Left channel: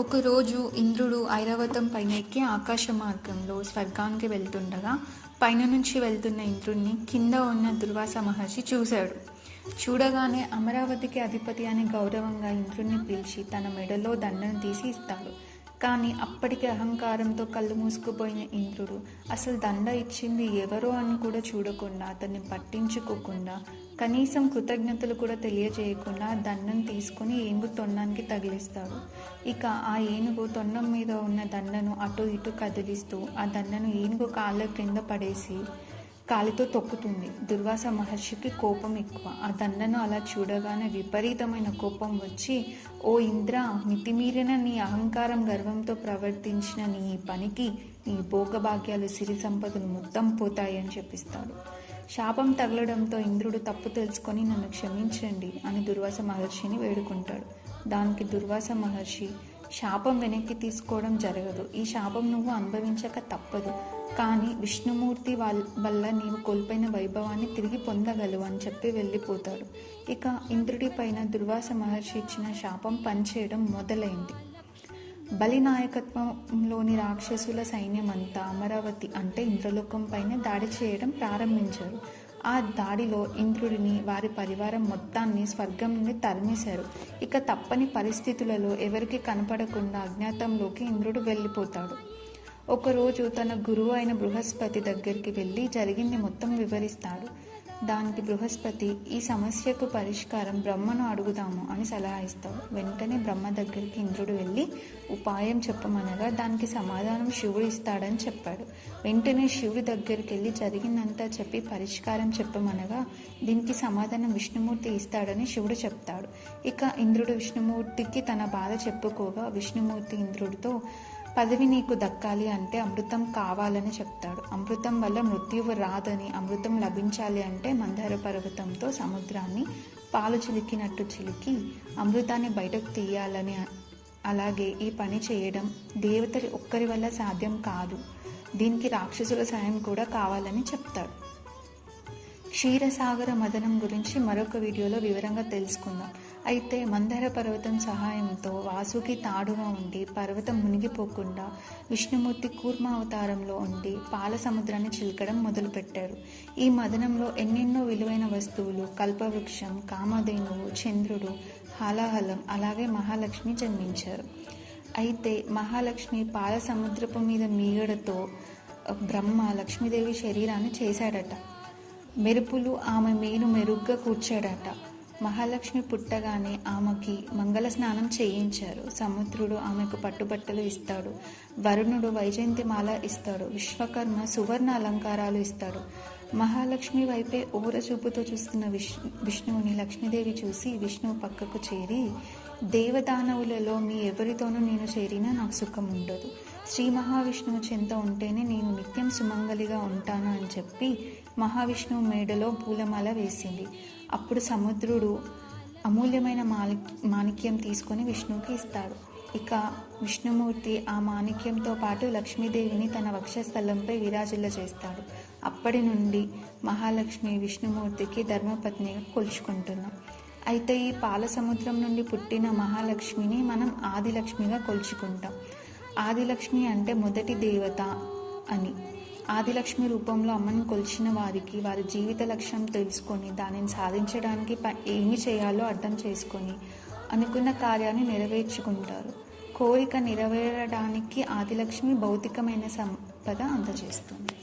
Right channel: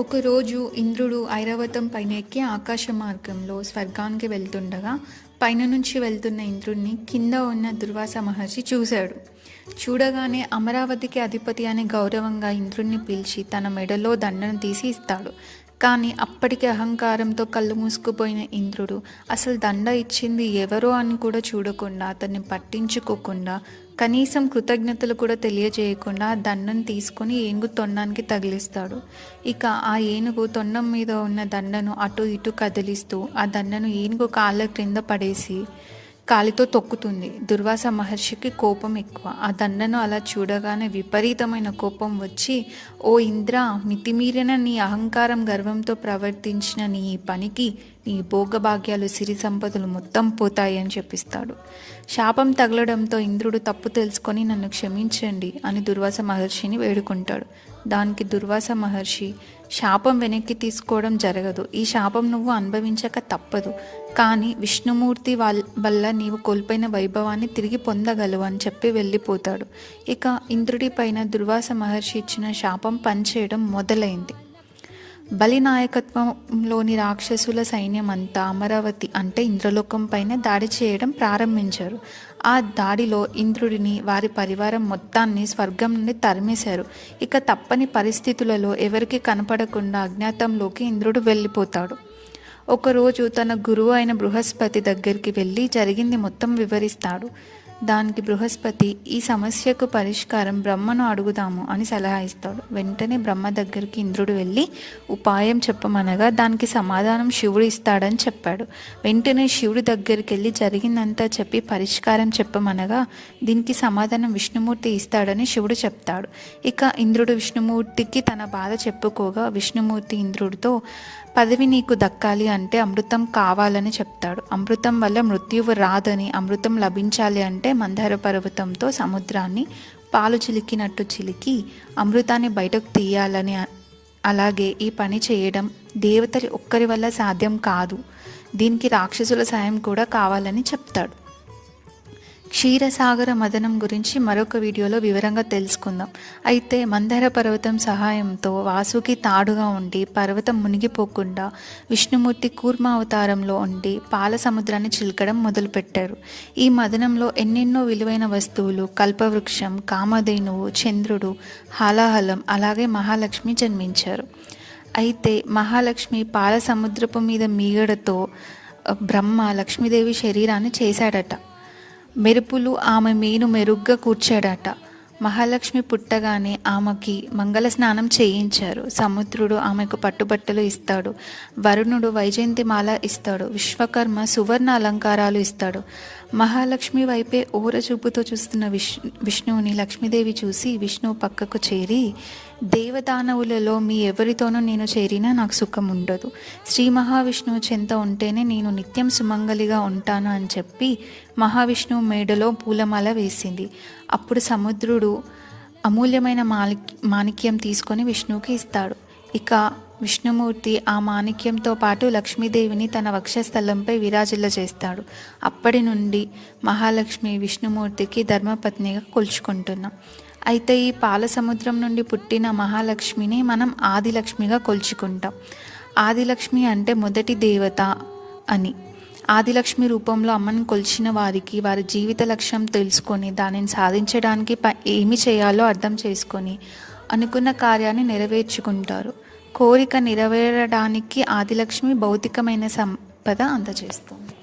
ఒకరోజు ఇంద్రుడు ఐరావతం పైన ఎక్కి ఆకాశ మార్గంలో స్వర్గానికి వెళ్తుండగా పైన నుంచి వెళ్తున్న ఇంద్రుడిని కింద ఉన్న దుర్వాస మహర్షి చూశాడు. చూడగానే అమరావతికి అధిపతి అనే గౌరవంగా ఇంద్రుడిని పిలిచి తన మెడలో దండను తీసి ఇస్తాడు. కానీ అప్పటికి అహంకారంతో కళ్ళు మూసుకుపోయిన ఇంద్రుడు అసలు దండ ఇచ్చింది ఎవరో అని కూడా చూడకుండా, అతన్ని పట్టించుకోకుండా, కనీసం కృతజ్ఞతలు కూడా తెలియజేయకుండా ఆ దండను తీసుకొని ఏనుగు తొండానికి తగిలిస్తాడు. ఇక ఆ ఏనుగు తొండం మీద ఉన్న దండను అటు ఇటు కదిలిస్తూ ఆ దండను ఏనుగు కాళ్ళ క్రింద పడేసి కాలితో తొక్కుతుంది. దుర్వాస మహర్షికి కోపం ఎక్కువ. ఆ దండను అలా చూడగానే విపరీతమైన కోపం వచ్చి, ఓ ఇంద్ర, మితిమీరిన నీ అహంకారం గర్వంతో ప్రవర్తించిన నీ ఈ పనికి నీ భోగభాగ్యాలు సిరి సంపదలు మొత్తం పోతాయి అని చెప్పిస్తాడు. శాపం తగలడంతో ఇంద్రుడు తప్పు తెలుసుకొని నన్ను క్షమించండి అని దుర్వాస మహర్షిని వేడుకుంటాడు. దానికి దుర్వాస మహర్షి, శాపం వెనక్కి తీసుకోవడం జరగదు, ఈ శాపం నువ్వు అనుభవించక తప్పదు, కానీ విష్ణుమూర్తి వల్ల నీవు కోల్పోయిన వైభవాన్ని తిరిగి పొందగలవు అని చెప్పి వెళ్ళిపోతాడు. ఇక ఇంద్రుడి పైన దుర్వాస మహర్షి ఇచ్చిన శాపం పనిచేయడం మొదలైంది. బలి నాయకత్వంలోని రాక్షసుల సైన్యం అంతా అమరావతి అంటే ఇంద్రలోకం పైన దాడి చేయడం ప్రారంభించారు. ఆ దాడిలో ఇంద్రుడిని, వారి పరివారం మొత్తాన్ని స్వర్గం నుండి తరిమేశారు. ఇక తప్పని పరిస్థితులలో ఎవరికి కనపడకుండా అజ్ఞాతంలోకి ఇంద్రుడు వెళ్ళిపోతాడు. ఒకరోజు తన గురువు అయిన బృహస్పతి దగ్గరికి వెళ్ళి జరిగింది మొత్తం వివరిస్తాడు. దానికి బృహస్పతి, ఈ సమస్యకు పరిష్కారం బ్రహ్మను అడుగుదాము అని సలహా ఇస్తాడు. వెంటనే బ్రహ్మ దగ్గరికి ఇంద్రుడు వెళ్ళి ఉపాయం చెప్పమనగా దానికి సమాధానం శివుడు ఇస్తాడని చెప్పాడు. వెంటనే శివుడి దగ్గరికి వెళ్ళి జరిగిందంతా చెప్పి పరిష్కారం చెప్పమనగా దీనికి సమాధానం విష్ణుమూర్తి ఇస్తాడని శివుడు చెప్తాడు. ఇక ఇంద్రుడు విష్ణుమూర్తికి తన బాధ చెప్పుకోగా విష్ణుమూర్తి ఇంద్రుడితో, పదవి నీకు దక్కాలి అంటే అమృతం కావాలని చెప్తాడు. అమృతం వల్ల మృత్యువు రాదని, అమృతం లభించాలి అంటే మందార పర్వతంతో సముద్రాన్ని పాలు చిలికినట్టు చిలికి అమృతాన్ని బయటకు తీయాలని, అలాగే ఈ పని చేయడం దేవతలు ఒక్కరి వల్ల సాధ్యం కాదు, దీనికి రాక్షసుల సాయం కూడా కావాలని చెప్తాడు. క్షీరసాగర మదనం గురించి మరొక వీడియోలో వివరంగా తెలుసుకుందాం. అయితే మందార పర్వతం సహాయంతో వాసుకి తాడుగా ఉండి పర్వతం మునిగిపోకుండా విష్ణుమూర్తి కూర్మ అవతారంలో ఉండి పాల సముద్రాన్ని చిలకడం మొదలుపెట్టారు. ఈ మదనంలో ఎన్నెన్నో విలువైన వస్తువులు, కల్పవృక్షం, కామధేనువు, చంద్రుడు, హాలాహలం, అలాగే మహాలక్ష్మి జన్మించారు. అయితే మహాలక్ష్మి పాల సముద్రపు మీద మీగడతో బ్రహ్మ లక్ష్మీదేవి శరీరాన్ని చేశాడట. మెరుపులు ఆమె మీను మెరుగ్గా కూర్చాడట. మహాలక్ష్మి పుట్టగానే ఆమెకి మంగళ స్నానం చేయించారు. సముద్రుడు ఆమెకు పట్టుబట్టలు ఇస్తాడు. వరుణుడు వైజయంతిమాల ఇస్తాడు. విశ్వకర్మ సువర్ణ అలంకారాలు ఇస్తాడు. మహాలక్ష్మి వైపే ఓరచూపుతో చూస్తున్న విష్ణువుని లక్ష్మీదేవి చూసి విష్ణువు పక్కకు చేరి, దేవదానవులలో మీ ఎవరితోనూ నేను చేరినా నాకు సుఖం ఉండదు, శ్రీ మహావిష్ణువు చెంత ఉంటేనే నేను నిత్యం సుమంగలిగా ఉంటాను అని చెప్పి మహావిష్ణువు మేడలో పూలమాల వేసింది. అప్పుడు సముద్రుడు అమూల్యమైన మాణిక్యం తీసుకొని విష్ణువుకి ఇస్తాడు. ఇక విష్ణుమూర్తి ఆ మాణిక్యంతో పాటు లక్ష్మీదేవిని తన వక్షస్థలంపై విరాజిల్ల చేస్తాడు. అప్పటి నుండి మహాలక్ష్మి విష్ణుమూర్తికి ధర్మపత్నిగా కొలుచుకుంటున్నాం. అయితే ఈ పాల సముద్రం నుండి పుట్టిన మహాలక్ష్మిని మనం ఆదిలక్ష్మిగా కొలుచుకుంటాం. ఆదిలక్ష్మి అంటే మొదటి దేవత అని. ఆదిలక్ష్మి రూపంలో అమ్మని కొలిచిన వారికి వారి జీవిత లక్ష్యం తెలుసుకొని దానిని సాధించడానికి ఏమి చేయాలో అర్థం చేసుకొని అనుకున్న కార్యాన్ని నెరవేర్చుకుంటారు. కోరిక నెరవేరడానికి ఆదిలక్ష్మి భౌతికమైన సంపద అందజేస్తుంది.